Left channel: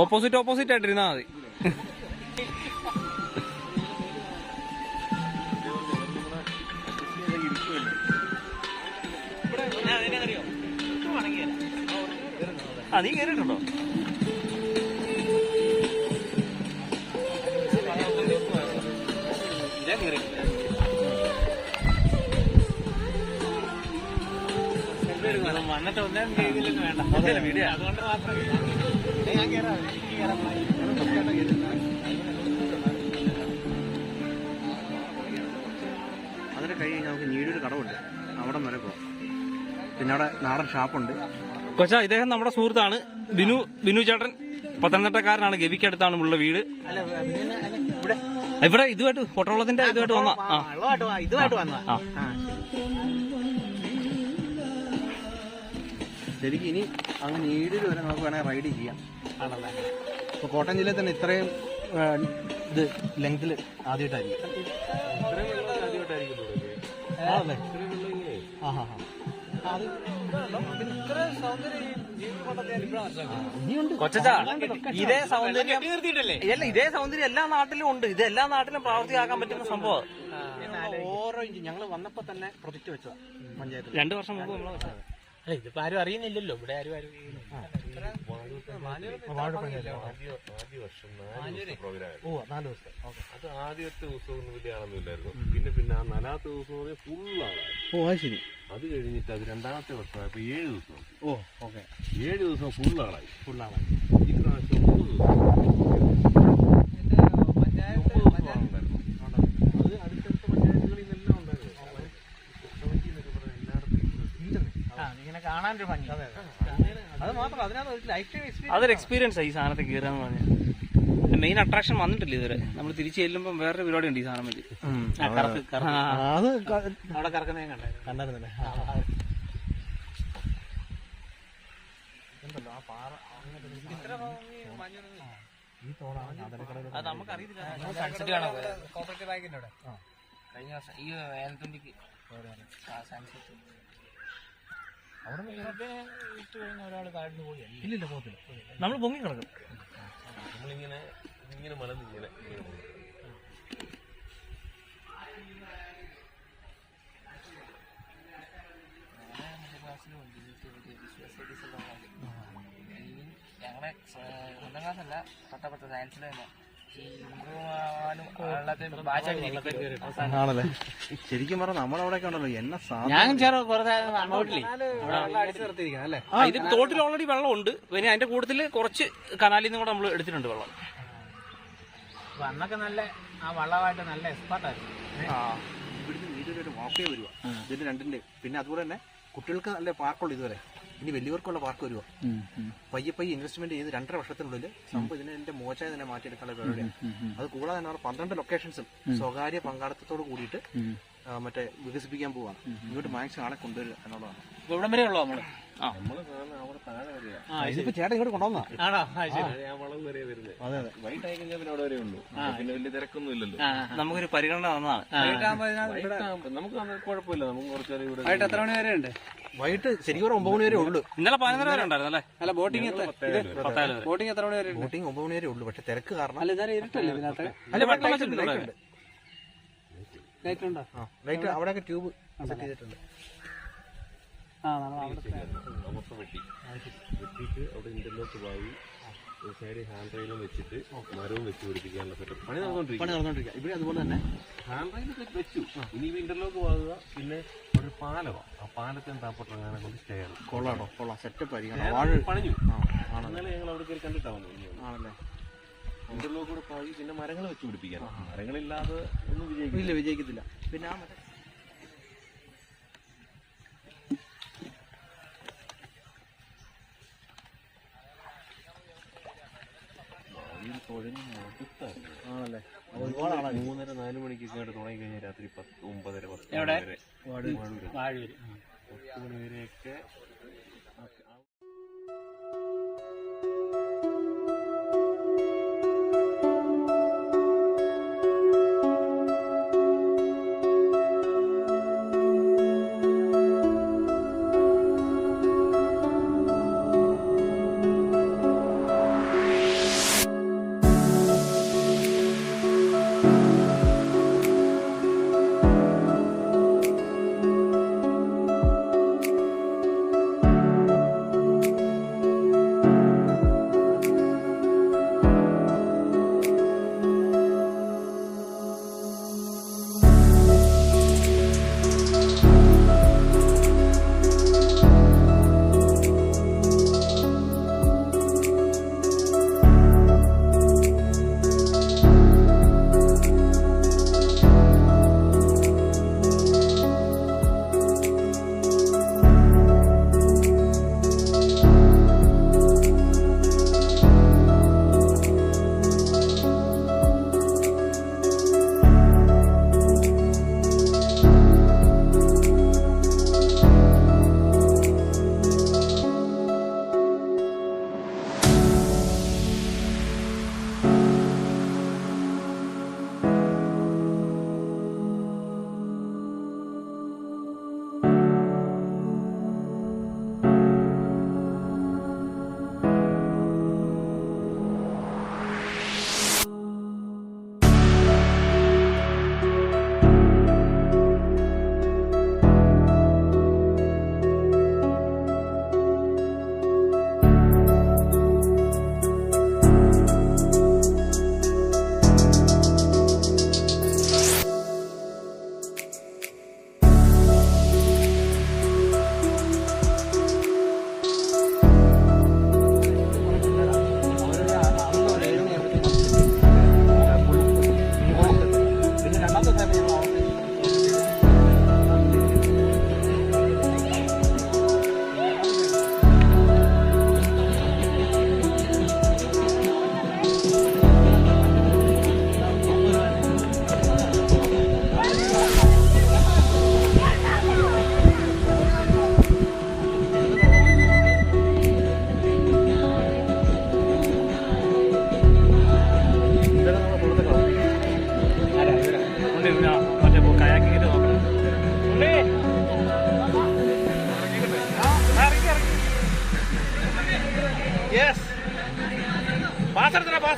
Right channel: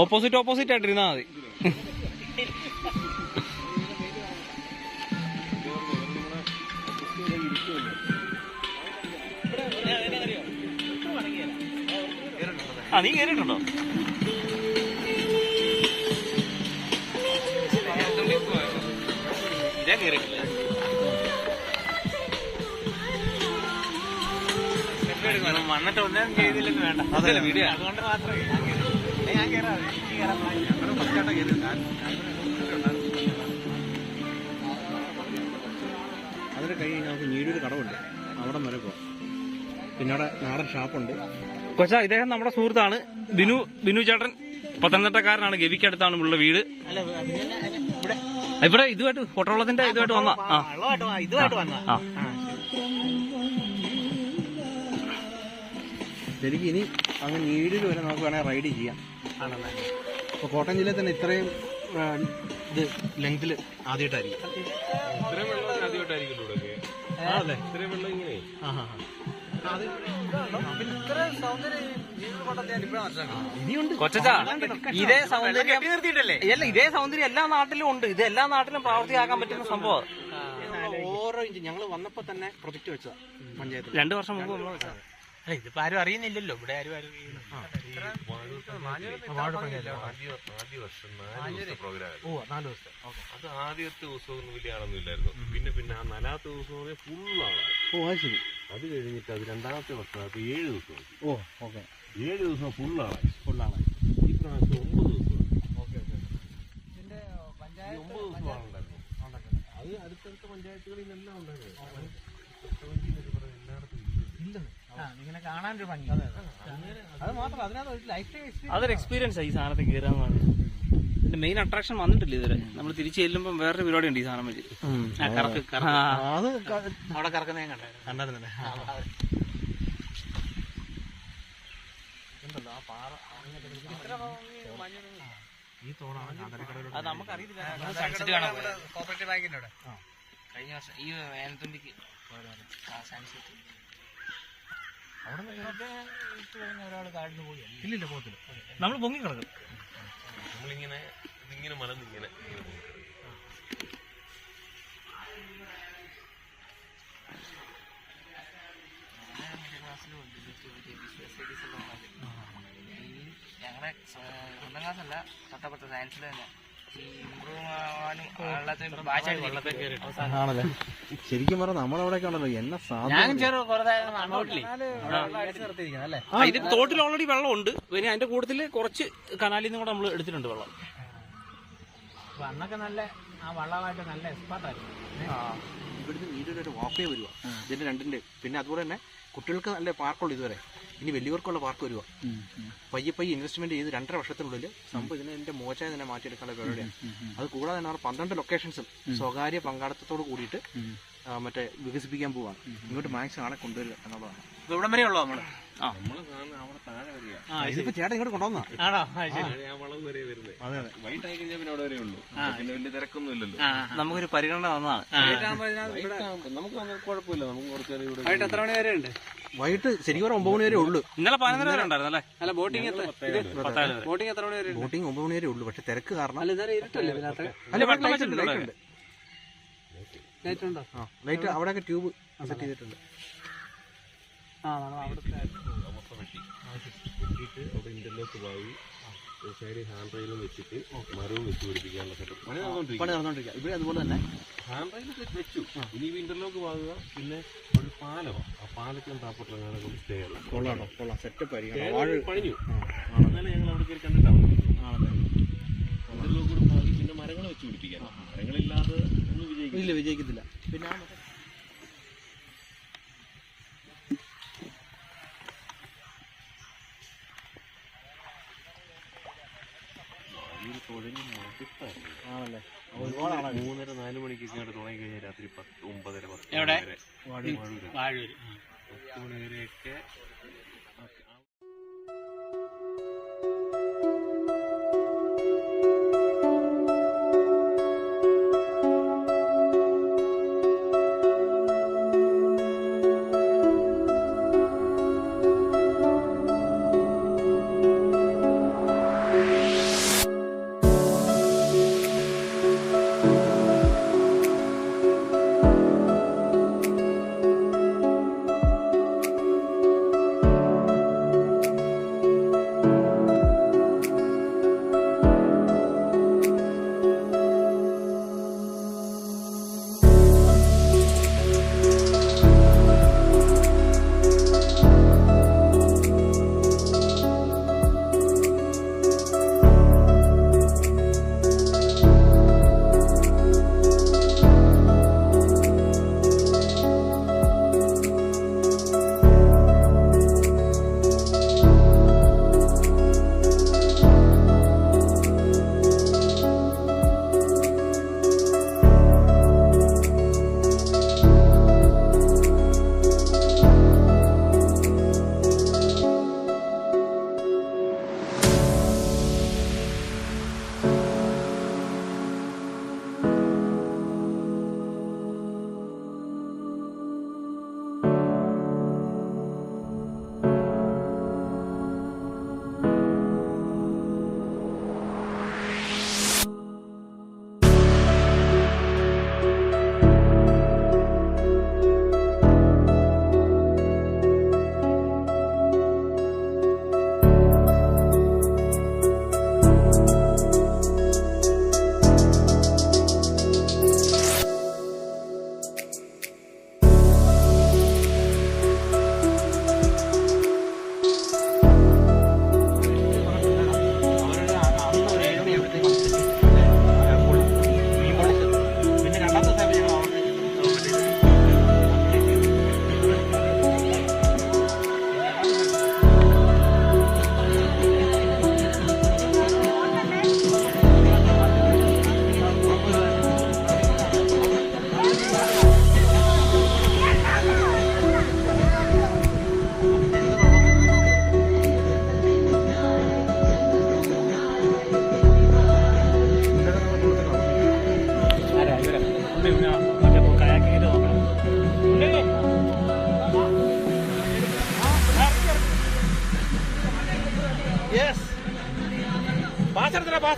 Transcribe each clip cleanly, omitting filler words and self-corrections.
Opposite ആയിട്ടിരുന്നാ മതി. നീ കേറിയിട്ടുണ്ടോ? വന്നിട്ട് ഒന്നും ചെയ്തില്ലെന്ന് വേണ്ട, അതുകൊണ്ട് മാത്രമേ ഞാൻ കയറാം. അതിന് കഴിഞ്ഞ് നമുക്ക് ഞീടൊരു കടവുണ്ട്, അവിടെ വരെ പോവാം. പിന്നെ അവിടെ നാടൻ ഷാപ്പുണ്ട്. കൊച്ചാ, ഇദ്ദേഹം നമ്മുടെ സുഹൃത്താണ് ബിനു ചേട്ടൻ. പത്തനംതിട്ടക്കാരനാണ്. ഗവിക്കടുത്താണ് ഉള്ള വീട്. ഇവിടെ ഇതുമായിട്ട് പൊട്ടവളത്തിന്റെ ഇതുമായിട്ട് വന്ന ശരിക്കും ഇനി അങ്ങ് നീടിൽ വരെ നമുക്ക് വേണമെങ്കിൽ റൈഡ് ചെയ്യാം. ഇപ്പോൾ കോട്ടയം ജില്ലയിൽ തന്നെ ഇത്രയും ഇത് ലെങ്തിൽ ആദ്യമായിട്ടായിരിക്കും. ഇതേ സൗന്ദര്യം ഇതേ സൗന്ദര്യം എല്ലാ നാട്ടിലും ഉണ്ട്. ഇത് എല്ലാ നാട്ടിലും പ്രാവർത്തികമാക്കാൻ പറ്റുന്ന സംഭവം. ഓരോ ഇഞ്ച് ഞങ്ങൾ വന്നപ്പോ തന്നെ പ്രൊജക്ട് വെച്ചതാ പഞ്ചായത്ത് 2 വർഷം മുമ്പ് നമ്മൾ വെച്ചത്. അല്ല, ഇതിപ്പോ ആരും അറിയുന്നില്ലല്ലോ. ഇവിടെ ആരും അത് ആദ്യത്തെ ദിവസമൊന്നും വലിയ ആളൊന്നുമില്ലായിരുന്നു. പിന്നെ ആ 4ാമത്തെ ദിവസം ഫുള്ളാണ്. ശരി. അത് കഴിഞ്ഞിട്ട് അത് 2ാമത്തെ വർഷമായപ്പോ 7 ദിവസം. 7 ദിവസം ഫുള്ളാണ്. ഈ പ്രാവശ്യം 9 ദിവസം. അതൊരു എക്സ്പീരിയൻസ് ഈ സാധനത്തിൽ കയറാന്ന് പറഞ്ഞാൽ. മെയിൻ അട്രാക്ഷൻ വന്നിട്ടില്ല ഇതുവരെ. നമ്മൾ തിരിച്ചു ചെല്ലുമ്പോൾ വേറൊരു പരിപാടി ഉണ്ട് ഈ സാധനം വെച്ച്. അവിടെ കറക്കുന്ന ഞാൻ കണ്ടായിരുന്നല്ലേ. ഉണ്ടല്ലോ ആ പാറ. ഈ തോടാണ് നമുക്കറിയില്ല. കോപ്പറേറ്റീവ് ബാങ്കിന്റെ അവിടെ കഴിഞ്ഞ വർഷം ഈ വേനൽത്തുണ്ടിക്ക് അവിടെ ഇട്ട് കഴിഞ്ഞ ഒരാൾ താഴ്ന്നു പോയി. ഇല്ലില്ല, പോകത്തില്ല. നമ്മൾ പൊങ്ങി കിടക്കും. നമ്മളിങ്ങനെ മലന്നിങ്ങനെ ഞങ്ങളുടെ 1ാം ക്ലാസ്സല്ല, തൊട്ടപ്പുറത്തെ സയൻസിൽ തന്നെ ആണല്ലേ. ശരിക്കും പറഞ്ഞാൽ നമ്മളവിടെ കണ്ടല്ലോ എന്നെ ഇത് തോട്ടിൽ ഓൾറെഡി വെള്ളമുണ്ട്. പിന്നെ അതിന്റെ കൂട്ടത്തില് കുറച്ച് കനാലിൽ നിന്നും കൂടെ നമ്മൾ എടുത്തിട്ടുണ്ട് വെള്ളം. അന്നൊക്കെ നല്ല ആ വള്ളമായിട്ട് നല്ല എക്സ്പേർട്ടായിരുന്നു. ഇവിടുന്ന് വീഡിയോയിലായിട്ട് വാക്കേ വരുക ഇതിന്റെ രണ്ടിന്റെ. പിന്നെ അതുപോലെ തന്നെ കുട്ടികൾക്ക് നല്ല പാർക്കുള്ളൂ ഇതുവരെ. ഇനി വലിയവർക്കുള്ള പാർക്ക് വരുക. പയ്യെ ഇൻവെസ്റ്റ്മെന്റ് ചെയ്ത് 2.5 വർഷത്തിനുള്ളിൽ സംഭവം ഇതിന്റെ മോശമായി തന്നെ മാറ്റിയെടുക്കാനുള്ള പരിപാടിയാണ്. അത് കൂടാതെ തന്നെ 12 ലൊക്കേഷൻസും സ്വകാര്യ പങ്കാളിത്തത്തോട് കൂടിയിട്ട് മറ്റേ വികസിപ്പിക്കാൻ പോവാണ്. ഇങ്ങോട്ട് മാക്സിമം ആളെ കൊണ്ടുവരിക എന്നുള്ളതാണ്. ഇവിടം വരെ ഉള്ളൂ നമ്മള്. അവിടെ താഴെ വരിക. ഇതിപ്പോ ചേട്ടൻ ഇങ്ങോട്ട് കൊണ്ടുവന്നാ. വളം വരെ വരുന്നത്. വൈകിട്ടായി കഴിഞ്ഞാൽ പിന്നെ അവിടെ വരെ ഉള്ളൂ. പിന്നെ വലിയ തിരക്കൊന്നും ഇല്ലല്ലോ. നമുക്കൊരു പരിഗണന വന്നതാണ്. നമുക്ക് കുഴപ്പമില്ല. നമുക്ക് കുറച്ചേരം ഇവിടെ. വൈകിട്ട് എത്ര മണി വരെ ഉണ്ട്? വൈകിട്ട് ശരിക്കും 9 മണി വരെ ഉള്ളൂ. ഇന്നലെ 11 വരെ ഉണ്ടായിരുന്നു അല്ലേ? അല്ല, ബോട്ടിംഗ് എത്ര മണി വരെ? ബോട്ടിംഗ് 9 മണി വരെ ഉള്ളൂ. പക്ഷെ തിരക്ക് കാരണം ഇരുട്ടല്ലേ ഇതിനകത്ത്? അല്ല, വെട്ടം വെച്ചിട്ടുണ്ട്. ലൈറ്റ് ഉണ്ടോ? ലൈറ്റ് അവിടെയൊക്കെ ട്യൂബ് സെറ്റ് ചെയ്തിട്ടുണ്ട്. മൊത്തം വെട്ടിയിട്ട് അവിടെ ഇന്റർലോക്ക് വാങ്ങി സൈഡിൽ ഹാൻഡ് റെയിലും വെച്ചിട്ട് മരവും വെച്ച് പിടിപ്പിക്കാനുള്ള സെറ്റപ്പ് പണി നടന്നുകൊണ്ടിരിക്കുക. ഇവിടെ അതുപോലെ തന്നെ ഹാൻഡ് റെയിൽ വെച്ചു. ഇനി ഇന്റർലോക്ക് വാങ്ങുക. പിന്നെ ഒരു പാലമാണ്. ആ പാലത്തിന് താപ്പോട്ടങ്ങനെ കൊണ്ട് സ്റ്റേ ചെയ്യണം. കൊള്ളാം. സെറ്റപ്പ് ആയിരിക്കണം. പണിഞ്ഞു. എന്നാലും ഞങ്ങൾ അവിടെ കയറി കണ്ടിട്ടാണ് ഇന്റർലോക്ക് കൂടെ പാകി പിന്നെ മരങ്ങൾ വെച്ച് പിടിപ്പിക്കാൻ. മരങ്ങളില്ലാതെ ഒന്നും വിജയിക്കത്തില്ല. പിന്നെ ആണല്ലേ. 3:30-4 മണിക്കൊക്കെ തുടങ്ങി കഴിഞ്ഞാൽ രാത്രി 9:30-10 മണി വരെയൊക്കെ.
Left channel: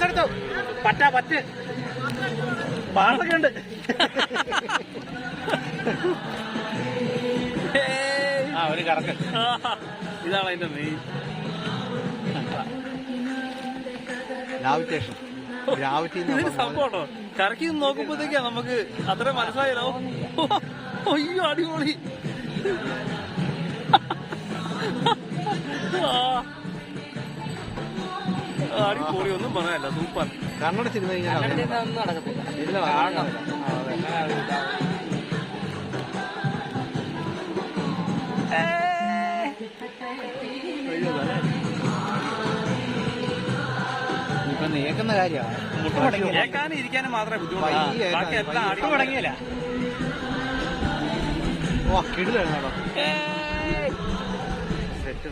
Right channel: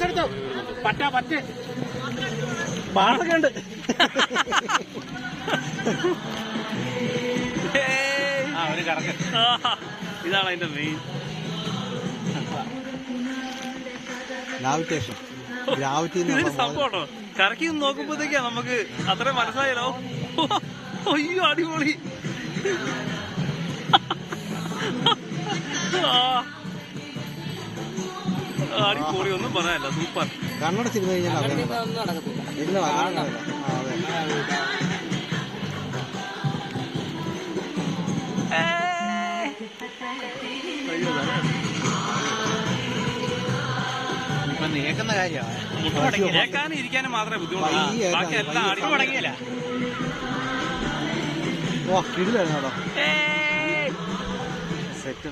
ടോസ് എടുത്തു. പറ്റ് ബാളൊക്കെ ഉണ്ട്. ഒരു കറക്ക്. ഇതാണ് അതിന്റെ മെയിൻ ഗ്രാവിറ്റേഷൻ. ഇതൊരു സംഭവം കേട്ടോ. കറക്കി നോക്കുമ്പോഴത്തേക്കാ നമുക്ക് അത്ര മനസ്സിലായല്ലോ. അയ്യോ അടിപൊളി. അടിപൊളി ഒന്നും പറയാനല്ല, സൂപ്പർ. കണ്ണട സിനിമ കഴിഞ്ഞാൽ നേക്കുന്ന കാര്യമാണ്. കേൾക്കാനും ഇരിക്കാനും മാത്രമേ ബുദ്ധിമുട്ടുള്ളൂ. ബാക്കി എല്ലാം അടി തുടങ്ങിയില്ല. ഓ കിടിലാണ് സെറ്റ്.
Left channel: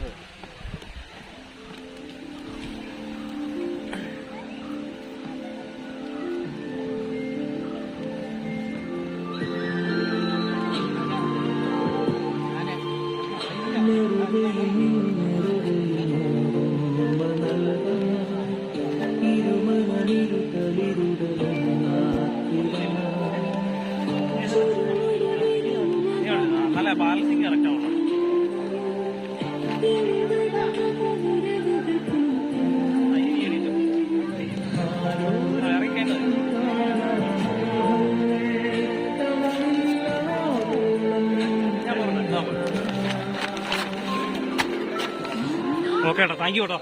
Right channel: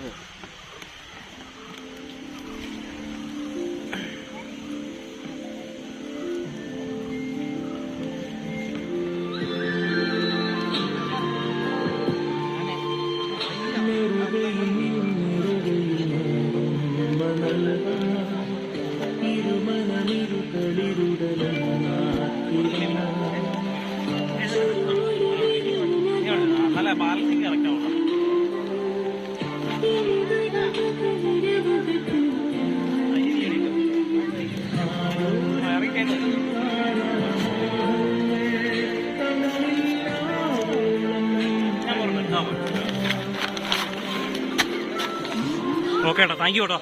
നല്ല ബാലൻസിങ് ഇറക്കണം. ഓക്കെ ഏട്ടാ, താങ്ക് യു കേട്ടോ.